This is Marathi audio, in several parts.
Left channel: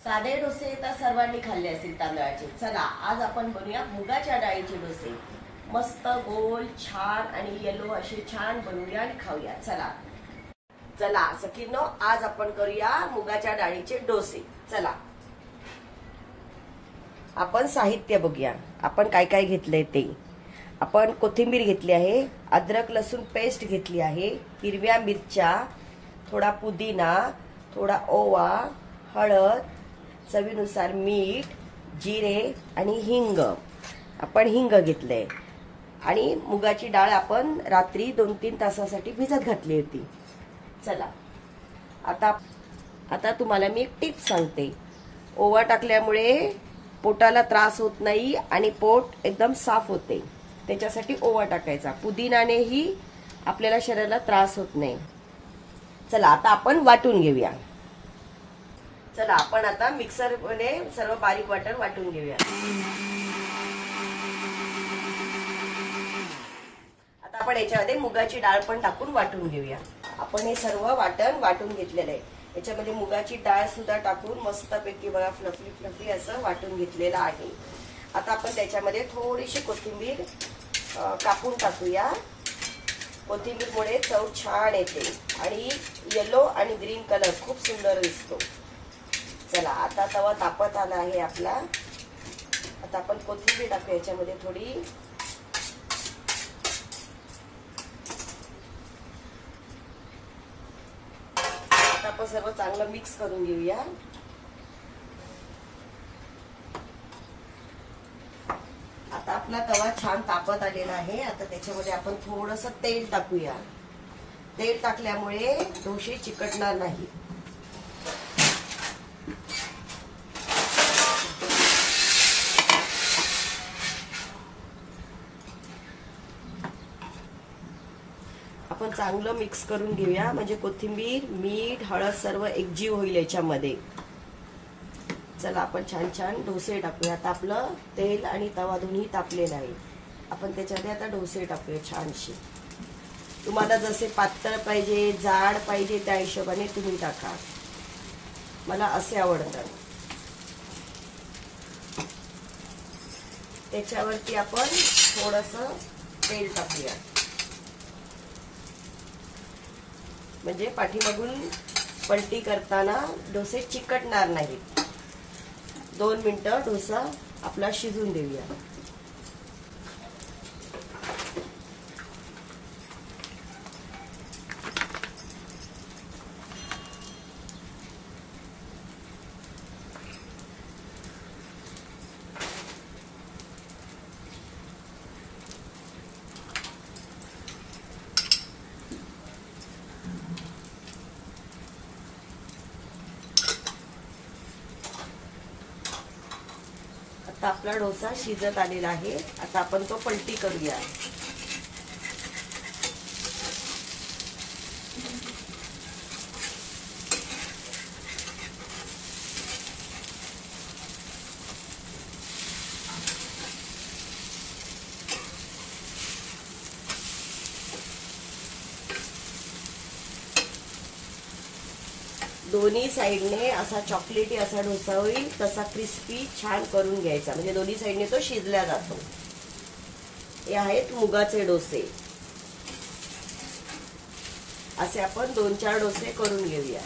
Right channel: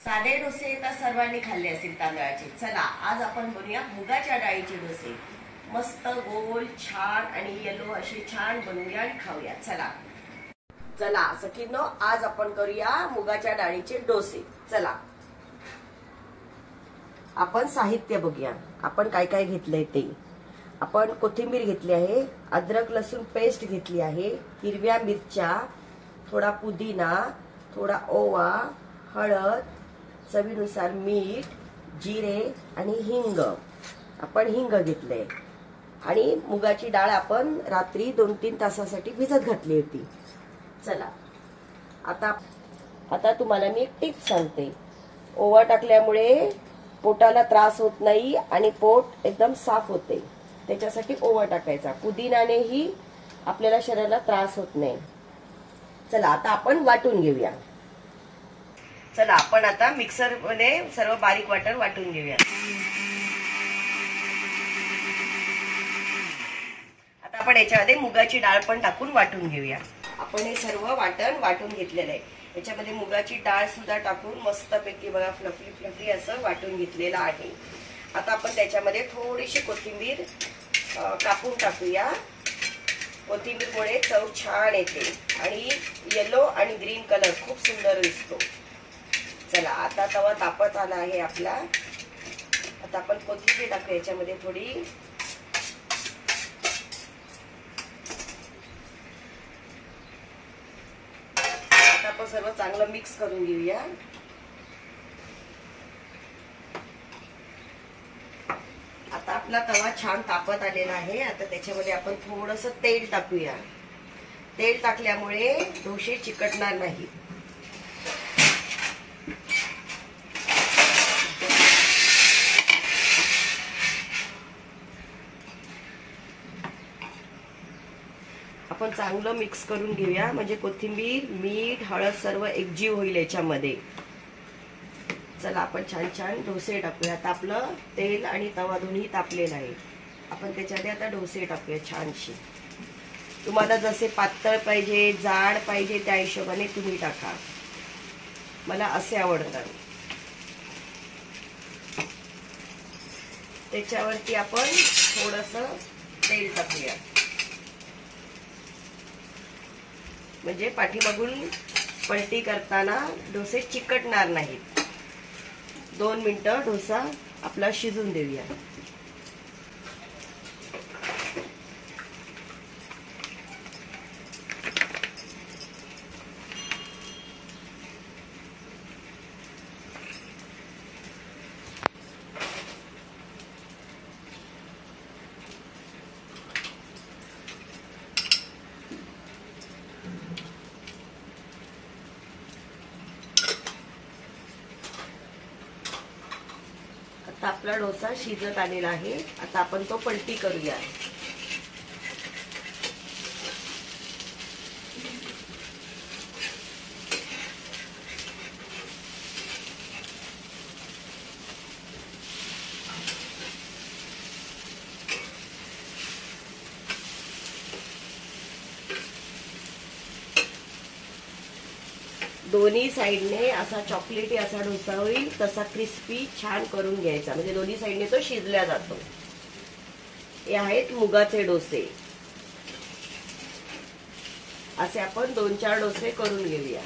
साधे डोसे तर सर्वांनी खाल्ले असतील तांदळाचे। चला आज आपण बनवूया मुगाच्या डाळीचे डोसे। मस्त गोल छान आणि येलो असे छान बनवूया आणि खाऊया। चला चला सखींनो, आज आपण करूया मुगाच्या डाळीचे डोसे। चला आपण साहित्य बघूया, आपण काय काय घेतलंय ते। आपण कोथिंबीर घेतली आहे, अद्रक लसूण पेस्ट घेतली आहे, हिरव्या मिरच्या, थोडा पुदिना, थोडा ओवा, हळद, चवीनुसार मीठ, जिरे आणि हिंग। आपण हिंग घेतले आणि मुगाची डाळ आपण रात्री 2-3 तासासाठी भिजत घातली होती। चला आता तुम्हाला मी एक टिप सांगते। ओवा टाकल्यामुळे पोटाला त्रास होत नाही आणि पोट एकदम साफ होते, त्याच्यासाठी ओवा टाकायचा। पुदिनानेही आपल्याला शरीराला त्रास होत नाही। चला आता आपण वाटून घेऊया। चला आपण आता मिक्सर मध्ये सर्व बारीक वाटून घेऊया। आता आपण याच्यामध्ये मुगाची डाळ पण टाकून वाटून घेऊया। आपण हे सर्व वाटून घेतलेलं आहे। याच्यामध्ये मुगाची डाळ सुद्धा टाकून मस्तपैकी बघा फ्लफी असं वाटून घेतलेलं आहे। आता आपण त्याच्यामध्ये थोडीशी कोथिंबीर कापून टाकूया। कोथिंबीरमुळे चव छान येते आणि येलो आणि ग्रीन कलर खूप सुंदर दिसतो। चला आता तवा तापत आला आहे आपला। आता आपण कोथिंबीर टाकूया याच्यामध्ये थोडी। आता आपण सर्व चांगलं मिक्स करून घेऊया। आता आपला तवा छान तापत आलेला आहे। आता त्याच्यामध्ये आपण थोडंसं तेल टाकूया। तेल टाकल्यामुळे डोसे चिकटणार नाही। आपण चांगलं मिक्स करून घेऊया, म्हणजे कोथिंबीर, मीठ, हळद सर्व एकजीव होईल याच्यामध्ये। चला आपण छान डोसे टाकूया। आता आपलं तेल आणि तवा दोन्ही तापलेलं आहे। आपण त्याच्यामध्ये आता डोसे टाकूया छानशी। तुम्हाला जसे पातळ पाहिजे, जाड पाहिजे त्या हिशोबाने तुम्ही टाका। मला असे आवडतात। त्याच्यावरती आपण थोडंसं तेल टाकूया, म्हणजे पाठीमागून पलटी करताना डोसे चिकटणार नाहीत। 2 मिनिटं डोसा आपला शिजून देऊया। आता आपला डोसा शिजत आलेला आहे। आता आपण तो पलटी करूया। दोन्ही साइडने असा चॉकलेटी असा डोसा होईल, तसा क्रिस्पी छान करून घ्यायचा, म्हणजे दोन्ही साइडने तो शिजला जातो। हे आहेत मुगाचे डोसे। असे आपण 2-4 डोसे करून घेऊया।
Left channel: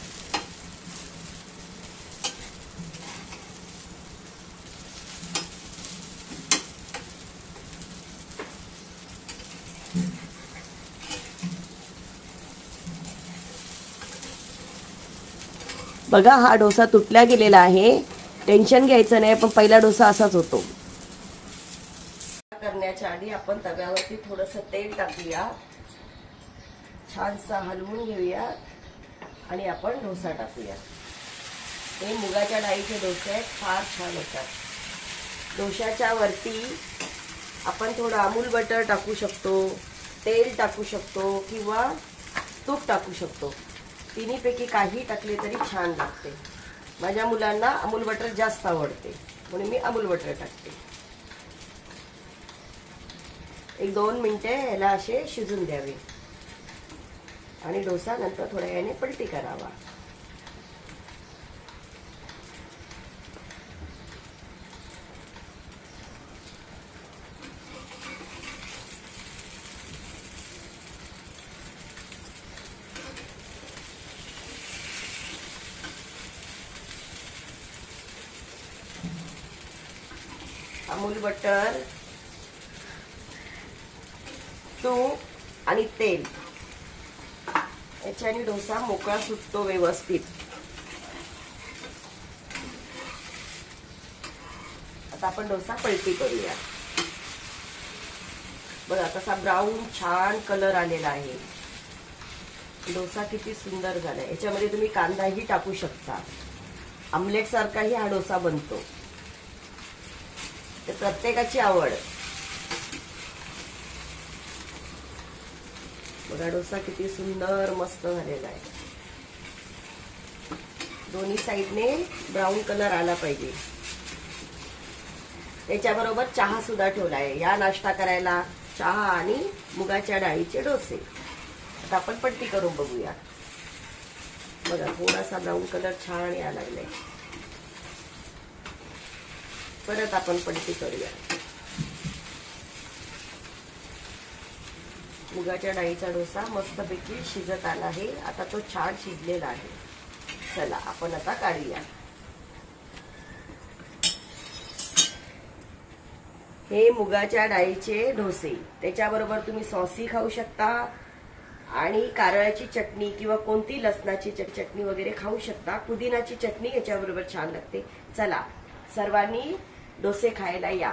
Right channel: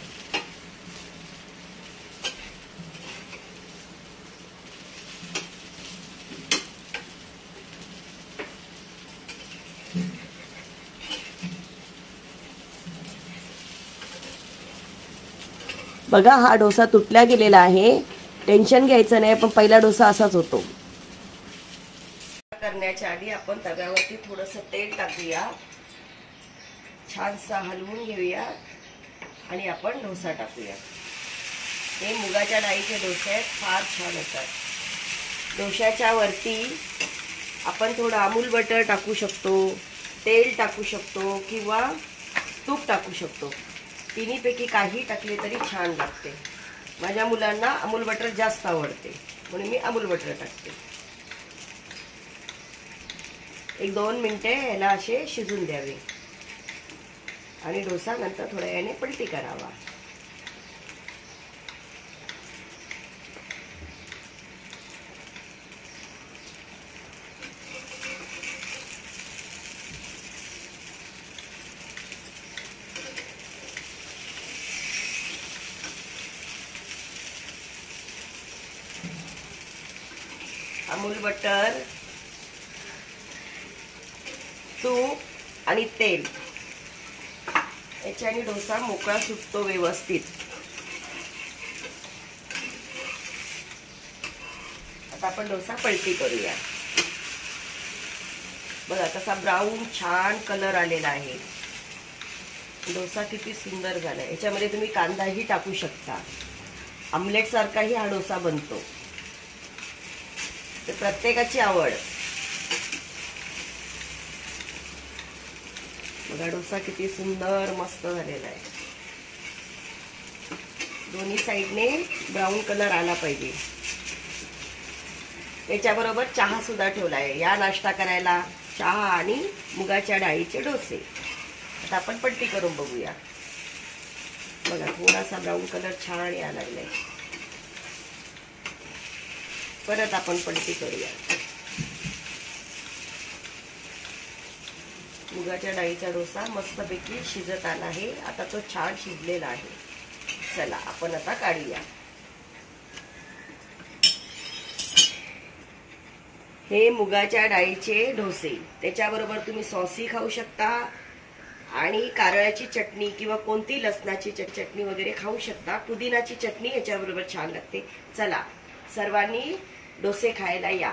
बघा हा डोसा तुटला गेलेला आहे। टेन्शन घ्यायचं नाही, पण पहिला डोसा असाच होतो। करण्याच्या आधी आपण तव्यावरती थोडंसं तेल टाकूया, छानसा हलवून घेऊया आणि आपण डोसा टाकूया। हे मुगाच्या डाळीचे डोसे आहेत, फार छान होतात। डोशाच्या वरती आपण थोडं अमूल बटर टाकू शकतो, तेल टाकू शकतो किंवा तूप टाकू शकतो। तिन्हीपैकी काही टाकले तरी छान लागते। माझ्या मुलांना अमूल बटर जास्त आवडते, म्हणून मी अमूल बटर टाकते। 1-2 मिनिटे याला असे शिजून द्यावे आणि डोसा नंतर थोड्या वेळाने पलटी करावा। अमूल बटर, तूप आणि तेल याच्याने डोसा मोकळा सुटतो व्यवस्थित. आता आपण डोसा पलटी करूया. बघा कसा ब्राऊन छान कलर आलेला आहे. डोसा किती सुंदर झालाय. याच्यामध्ये तुम्ही कांदाही टाकू शकता. आमलेट सारखाही हा डोसा बनतो. तर प्रत्येकाची आवड. बघा डोसा किती सुंदर मस्त झालेला आहे. दोन्ही साईडने ब्राऊन कलर आला पाहिजे. त्याच्याबरोबर चहा सुद्धा ठेवलाय. या नाश्ता करायला चहा आणि मुगाच्या डाळीचे डोसे. आता आपण पलटी करून बघूया. बघा थोडासा ब्राऊन कलर छान यायला लागलाय. परत आपण पलटी करूया. मुगाच्या डाळीचा डोसा मस्तपैकी शिजत आला आहे. आता तो छान शिजलेला आहे. चला आपण आता काढूया. हे मुगाच्या डाळीचे डोसे. त्याच्याबरोबर तुम्ही सॉसही खाऊ शकता आणि कारळ्याची चटणी किंवा कोणती लसणाची चटणी वगैरे खाऊ शकता. पुदिनाची चटणी याच्याबरोबर छान लागते. चला सर्वांनी डोसे खायला या.